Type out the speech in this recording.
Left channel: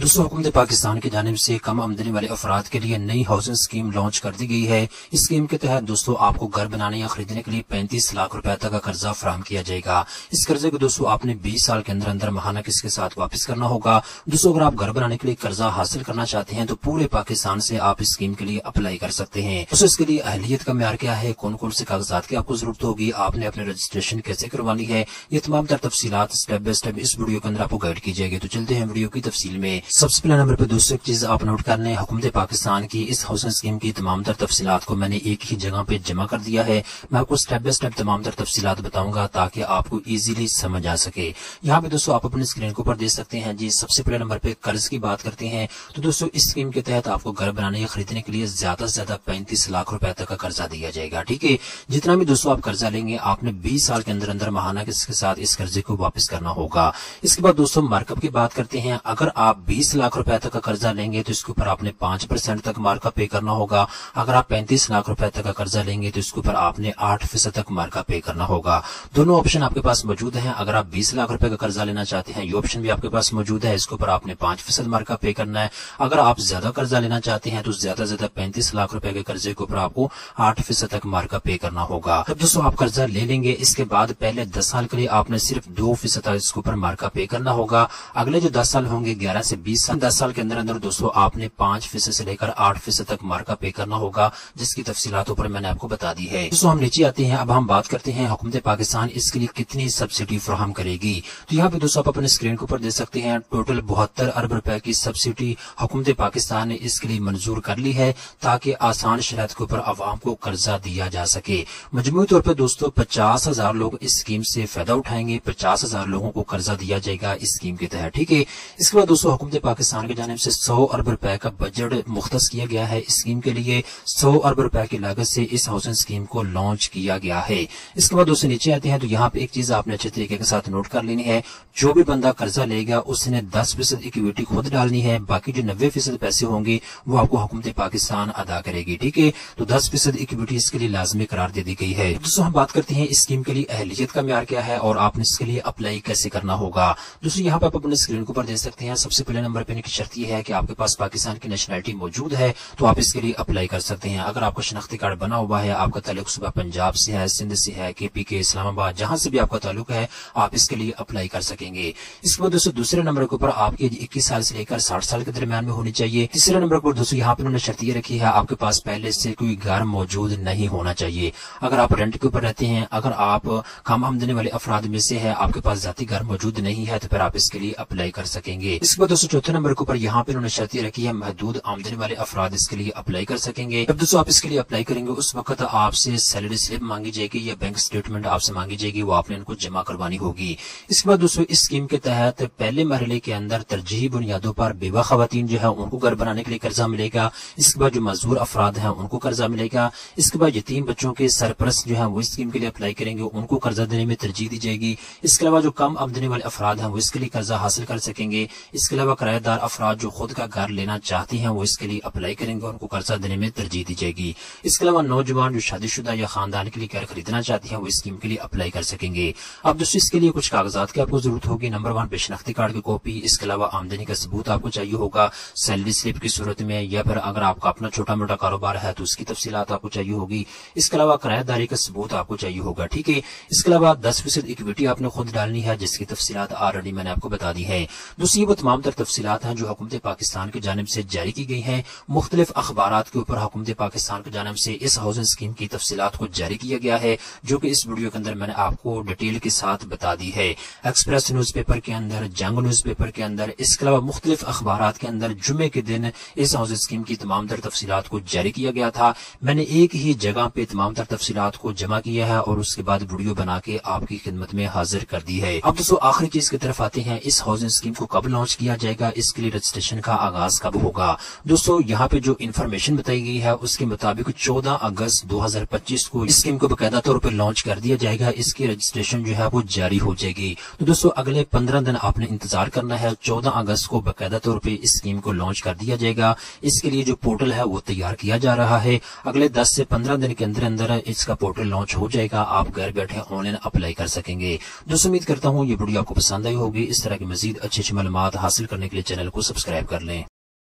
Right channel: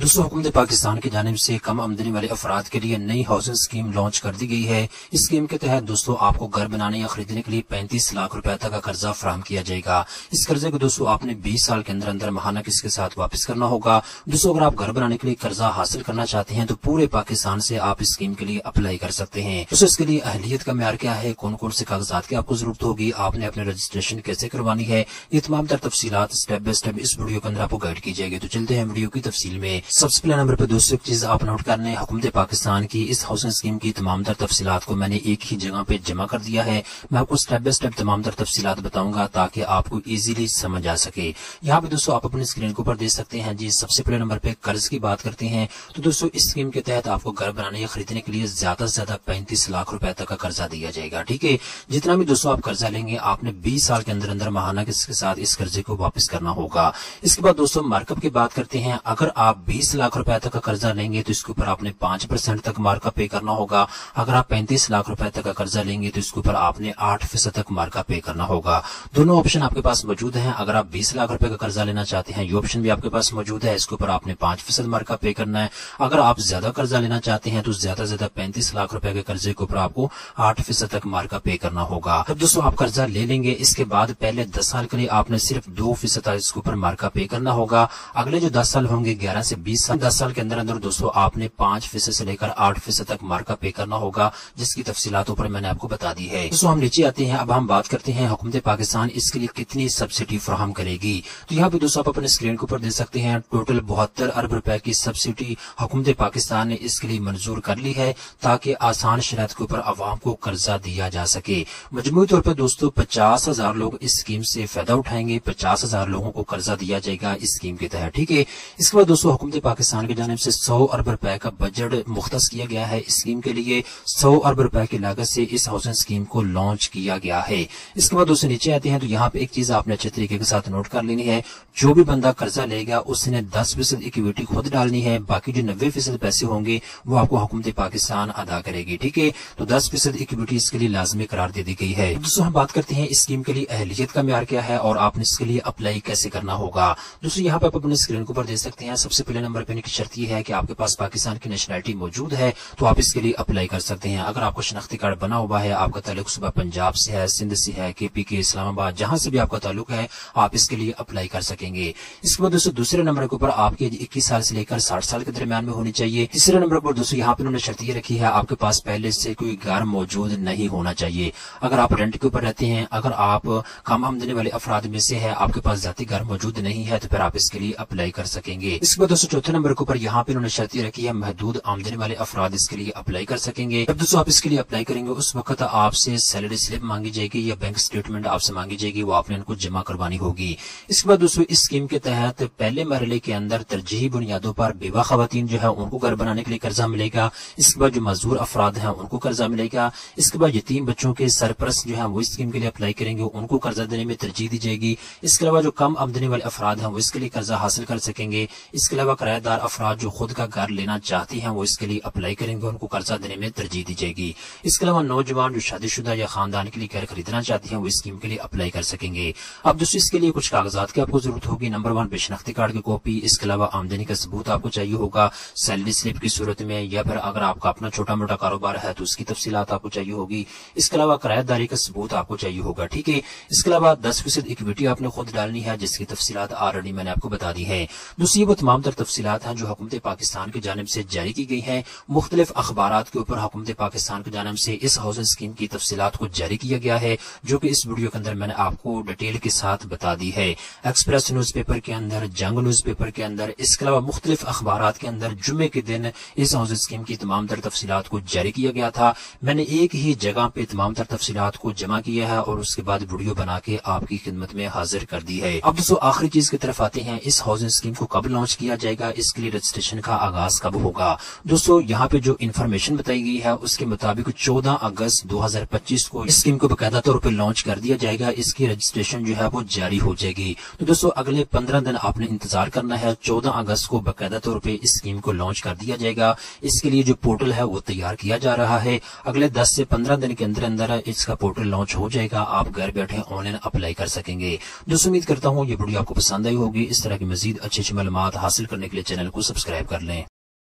दोस्तों हुकूमत पाकिस्तान की जानिब से कम आमदनी वाले अफराद के लिए नई हाउसिंग स्कीम लॉन्च कर दी गई है। इस स्कीम के तहत दोस्तों आपको घर बनाने या खरीदने के लिए 35 लाख रुपए तक का कर्जा फराहम किया जाएगा। इस कर्जे को दोस्तों आपने 20 साल के अंदर अंदर माहाना किस्त के साथ वापस करना होगा। दोस्तों अगर आप घर बनाने के लिए कर्जा हासिल करना चाहते हैं तो पूरे पाकिस्तान से आप इस स्कीम के लिए अप्लाई कर सकते हैं। दोस्तों इसके लिए अहलियत का म्यार क्या है, कौन कौन से कागजात की आपको जरूरत होगी, आपने अपने रजिस्ट्रेशन कैसे करवानी है, ये तमाम तर तफसीलात स्टेप बाय स्टेप इस वीडियो के अंदर आपको गाइड की जाएगी। तो चलते हैं वीडियो की तफसील में। सबसे पहले नंबर पर दोस्तों एक चीज आप नोट कर लें, हुकूमत पाकिस्तान की इस हाउसिंग स्कीम की तमाम तर तफसीलात को मैंने एक ही जगह पे जमा कर दिया है। मैं आपको स्टेप बाय स्टेप तमाम तर तफसीलात बताऊंगा ताकि आपको इजीली समझ आ सके। यहाँ पे दोस्तों आप अपने स्क्रीन के ऊपर देख सकते हैं जी। सबसे पहले नंबर पे कर्ज की बात करते हैं तो दोस्तों इस स्कीम के तहत आपको घर बनाने या खरीदने के लिए ज्यादा से ज्यादा 35 लाख रुपए तक का कर्जा दिया जाएगा। ठीक है, जितना भी दोस्तों आप कर्जा लेंगे आपने 20 साल के अंदर अंदर माहाना किस्त के साथ इस कर्जे को वापस करना होगा। इसके बाद दोस्तों मार्कअप की बात करते हैं। अगर आप 20 लाख रुपए तक का कर्जा लेंगे तो इसके ऊपर आपने 5% तक मार्कअप पे करना होगा। अगर आप 35 लाख रुपए तक का कर्जा लेंगे तो इसके ऊपर आपने 8% तक मार्कअप पे करना होगा। दोनों ऑप्शन आपके पास मौजूद हैं। अगर आप 20 लाख रुपए का कर्जा लेना चाहते हैं ये ऑप्शन भी आपके पास मौजूद है, इसके ऊपर आपने 5% मार्कअप पे करना है। अगर आप ज्यादा कर्जा लेना चाहते हैं तो ज्यादा से ज्यादा 35 लाख रुपए के कर्जे के ऊपर आपको 8% तक मार्कअप पे करना होगा। तब दोस्तों आप कर्जा ले लेंगे, इसके बाद पहले 10 साल के लिए आपने सिर्फ 2% इसके ऊपर मार्कअप पे करना होगा। अगले जो 10 साल होंगे 11 से 20 साल, 10 साल के अंदर अंदर दोस्तों आपने 5% से लेकर 8% तक मार्कअप पे करना होगा, जिसकी तफसीलात ऊपर मैंने आपको बता दी है। दोस्तों हम नीचे आते हैं, अब हम बात करते हैं हुकूमत पाकिस्तान इसके लिए कितनी सब्सिडी फराहम करेगी। तो यहाँ पे दोस्तों आप अपने स्क्रीन के ऊपर देख सकते हैं टोटल 72 अरब रुपए की सब्सिडी हुकूमत पाकिस्तान ने इसके लिए मंजूर कर ली है ताकि आसान शराइत के ऊपर आवाम को कर्जा दिया जा सके। मजमूई तौर पर दोस्तों 50,000 लोग इस स्कीम से फायदा उठाएंगे, 50,000 लोगों को कर्जा दिया जाएगा इस स्कीम के तहत। ठीक है, इसके बाद दोस्तों हुकूमत पाकिस्तान की जानिब से 100 अरब रुपए का बजट मुख्तस किया गया है इस स्कीम के लिए। 100 अरब रुपए की लागत से इस हाउसिंग स्कीम को लॉन्च किया गया है। इसके बाद दोस्तों नीचे आते हैं तो यहाँ पे एक चीज आपने अच्छे तरीके के साथ नोट कर लेनी है। जो भी बंदा कर्जा लेगा उसने 10% इक्विटी खुद डालनी है, बाकी जो 90% पैसे होंगे वो आपको हुकूमत पाकिस्तान अदा करेगी। ठीक है, तो 10% इक्विटी इसके लिए लाजमी करार दे दी गई है। दोस्तों हम बात करते हैं इस स्कीम के लिए अहलियत का म्यार क्या है और आपने इसके लिए अप्लाई कैसे करना होगा। दोस्तों यहाँ पे आप अपने स्क्रीन के ऊपर देख सकते हैं। सबसे पहले नंबर पे की शर्त यह है कि आपके पास पाकिस्तान की नेशनलिटी मौजूद है तो आप इसके लिए अप्लाई कर सकते हैं। अगर आपका शनाख्ती कार्ड बना हुआ है, आपका ताल्लुक सुबह पंजाब से है, सिंध से है, KP के, इस्लामाबाद, जहां से भी आपका ताल्लुक है आप इसके लिए अप्लाई कर सकेंगे। इसके बाद दोस्तों दूसरे नंबर के ऊपर आपकी 21 साल से लेकर 60 साल के दरमियान में होनी चाहिए। तीसरे नंबर पर दोस्तों यहाँ पे उन्होंने शर्त ये रखी है आपके पास पहले से कोई घर मौजूद नहीं होना चाहिए। अगर आप रेंट के ऊपर रहते हैं, अगर आप कम आमदनी वाले अफराद में से है, आपके पास जाती घर मौजूद नहीं है तो फिर आप इसके लिए अप्लाई कर सकेंगे। इसके बाद दोस्तों चौथे नंबर के ऊपर यहाँ पे उन्होंने शर्त ये रखी है महदूद आमदनी वाले अफराद इसके लिए अप्लाई कर सकेंगे। जब दोस्तों आप इसके लिए अप्लाई करेंगे उस वक्त आपसे सैलरी स्लिप मांगी जाएगी या बैंक स्टेटमेंट आपसे मांगी जाएगी, वो आपने इनको जमा करवानी होगी। इसके बाद दोस्तों इस स्कीम के तहत पहले मरहले के अंदर तरजीही बुनियादों पर बेवा खवातीन जो है उनको घर बनाने के लिए कर्जा मिलेगा। इसके बाद जो मजदूर अफराद हैं उनको कर्जा मिलेगा। इसके बाद यतीम बच्चों के सरपरस्त जो है वो इस स्कीम के लिए अप्लाई करेंगे, उनको कर्जा देने में तरजीह दी जाएगी। इसके अलावा जो कम आमदनी वाले अफराद हैं वो इसके लिए कर्जा हासिल कर सकेंगे। इसके अलावा किराएदार अफराद जो खुद का घर लेना चाहते हैं वो इसके लिए अप्लाई करेंगे, उनको कर्जा देने में तरजीह दी जाएगी। इसके अलावा नौजवान जो शादीशुदा या खानदान के लिए घर खरीदना चाहते हैं वो इस स्कीम के लिए अप्लाई कर सकेंगे। अब दोस्तों इसके लिए कुछ कागजात की आपको जरूरत होगी। नंबर 1 शनाख्ती कार्ड की कॉपी, इसके अलावा आमदनी का सबूत आपको चाहिए होगा सैलरी स्लिप की सूरत में, या फिर अगर आपका अपना छोटा मोटा कारोबार है तो उसकी तफसीलात आपको चाहिए होगी। इसके अलावा किराएदारी का सबूत आपको चाहिए होगा। ठीक है, इसके अलावा 10% इक्विटी आपने खुद डालनी है जिसकी तफसीलात ऑलरेडी मैंने आपको बता दी है। दोस्तों ये वो तमाम तर तफसीलात हैं जो हुकूमत पाकिस्तान की जानिब से जारी की गई हैं। मुख्तलिफ अखबारात के ऊपर हुकूमत पाकिस्तान की जानिब से इस हाउसिंग स्कीम की तफसीलात को जारी किया गया है जो कि इस वीडियो के अंदर मैंने आपको डिटेल के साथ बता दी है। एक्सप्रेस न्यूज पेपर के अंदर, जंग न्यूज पेपर के अंदर, इसके अलावा मुख्तलिफ अखबारात के अंदर जुम्मे के दिन इस हाउसिंग स्कीम की तमाम तर तफसीलात को जारी किया गया था। मैंने एक ही जगह पे तमाम तर तफसीलात को जमा किया है और उसके बाद वीडियो बना के आपकी खिदमत में हाजिर कर दी है। अब दोस्तों आखिरी चीज की तरफ आते हैं, इस हाउसिंग स्कीम को कब लॉन्च किया जाएगा, इसके लिए रजिस्ट्रेशन का आगाज कब होगा। दोस्तों यहाँ पे जो इन्फॉर्मेशन बताई गई है उसके मुताबिक 14 अगस्त 2025 को इस स्कीम को बकायदा तौर पर लॉन्च कर दिया जाएगा। इसकी रजिस्ट्रेशन जो है वो जारी हो जाएगी। तो दोस्तों अगले 15 दिन आपने इंतजार करना है। 14 अगस्त को बकायदा तौर पर इस स्कीम को लॉन्च कर दिया जाएगा। इसके लिए जो पोर्टल है वो तैयार किया जा रहा है। अगले 10 से 15 दिन के अंदर अंदर इसका पोर्टल लॉन्च हो जाएगा। आप घर बैठे ऑनलाइन अप्लाई कर सकेंगे। दोस्तों उम्मीद करता हूँ ये वीडियो आपको पसंद आई होगी। इस तरह की मजीद अच्छी अच्छी मालूमात हासिल करने के लिए चैनल को सब्सक्राइब कर लें।